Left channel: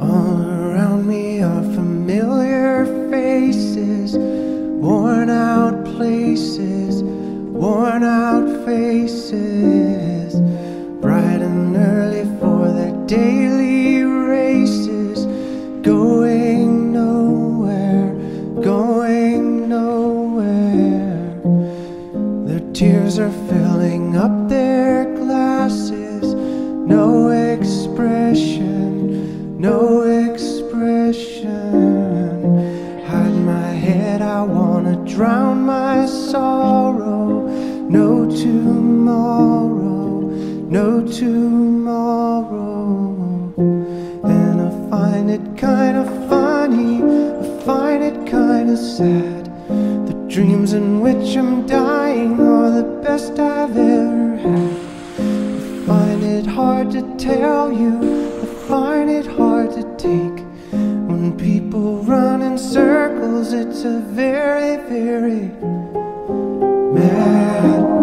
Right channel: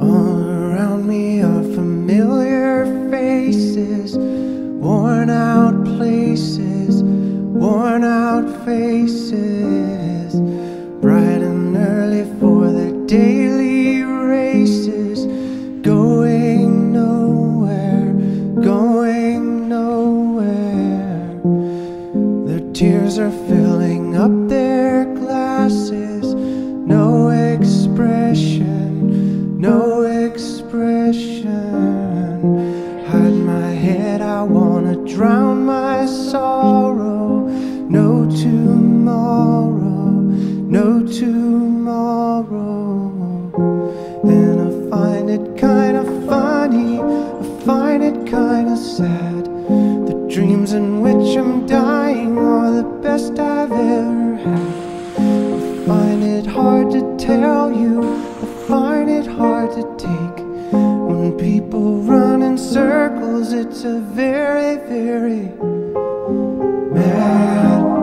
All around me are familiar faces, worn out places, worn out faces, bright and early for their daily races, going nowhere, going nowhere. Their tears are filling up their glasses, no expression, no expression. Hide my head, I wanna drown my sorrow. No tomorrow, no tomorrow. And I find it kinda funny, I find it kinda sad. The dreams in which I'm dying are the best I've ever had. I find it hard to tell you, I find it hard to take. When people run in circles, it's a very, very mad world.